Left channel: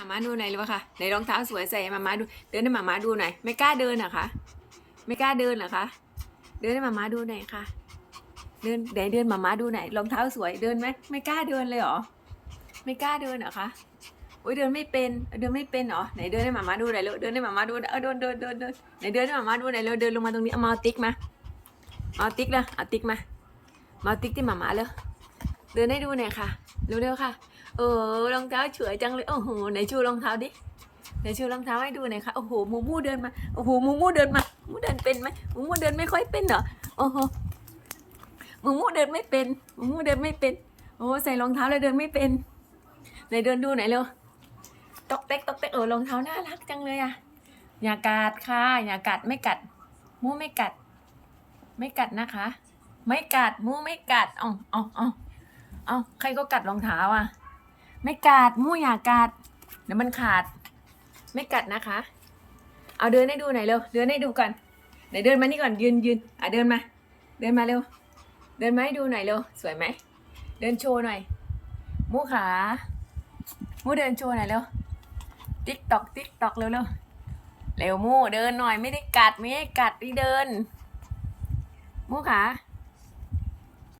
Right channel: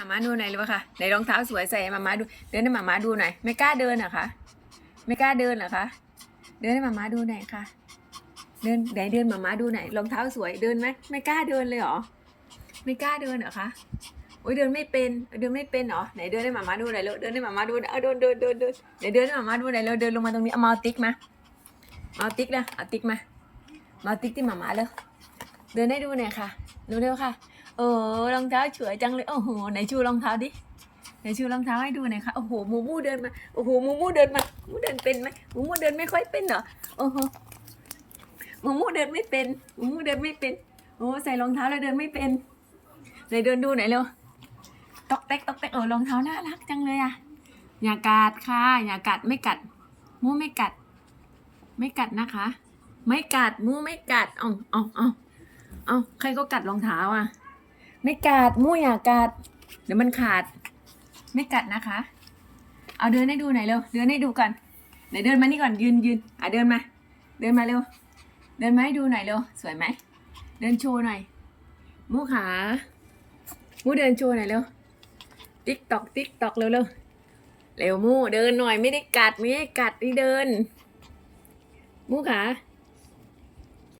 มามาดูหน่อยเลยวะค่ะไหนรองเท้าสวยใส่หมามาดู เดินให้มามาดูหน่อย ไม่กล้าเดินเหรอคะ ไม่กล้าเดินเหรอคะ เดินให้มามาดูหน่อยค่ะ เดินไหนเดินมามาดูหน่อยรองเท้าสวยเดินไหมไม่กล้าเดินเลยเหรอ ไม่กล้าเดินเหรอคะโอ้ยเดินไม่เป็นเดินไม่เป็นเหรอไหนเดินให้มามาดูหน่อยเร็วเดินให้มามาดูเออเดินเดินเดินเดินไหนเดินให้มามาดูหน่อยเร็วเดินลงมาตรงนี้เอามาติ๊กมาเอาติ๊กเลยเอาติ๊กมามาเอาติ๊กที่มามาเลยเดินให้ดูหน่อยค่ะ เร็วๆค่ะ เออรองเท้าสวยจังเลยโอ้โหไหนชูรองเท้าดิไหนชูรองเท้าให้ดูหน่อยค่ะโอ้โหมูมูเดินมาโอ้โหมูมูเดินมามูเดินเป็นไหมมูมูเดินไม่ค่อยเป็นเหรอโอ้โหมูมูเดินไม่เป็นมูมูเดินไม่เป็น โอ้ใส่รองเท้าแล้วเดินไม่เป็นไหนเดินดูไหนอยเร็วตอกแตกตอกแตกเออรองเท้าน่ารักจังเลยอะอย่ากัดค่ะ อย่ากัดไม่กัดมูไม่กัด ไม่กัดนะคะ ไม่กัดมูไม่กัดอ๋ออ๋ออ๋อ ออ๋อใครก็กัดรองเท้าอะ ไม่กัดมู่อย่ากัด เดี๋ยวมันขาด ไม่กัดนะคะ เอาเดินให้ดูหน่อยเร็ว เดินให้ดูก่อนไหนเดินมานี่ก่อนยืนยืนอะเดินมา เดินมาเร็ว เดินมาให้ดูหน่อยเร็ว สวยไหม เดินโชว์หน่อย มู่ขา มู่เดินโชว์หน่อยเร็ว ติ๊กตอกติ๊กตอกเร็วเร็วเร็วมู่เดินหน่อยไม่ได้กัดไม่ให้กัดนี่เดิน มู่ขา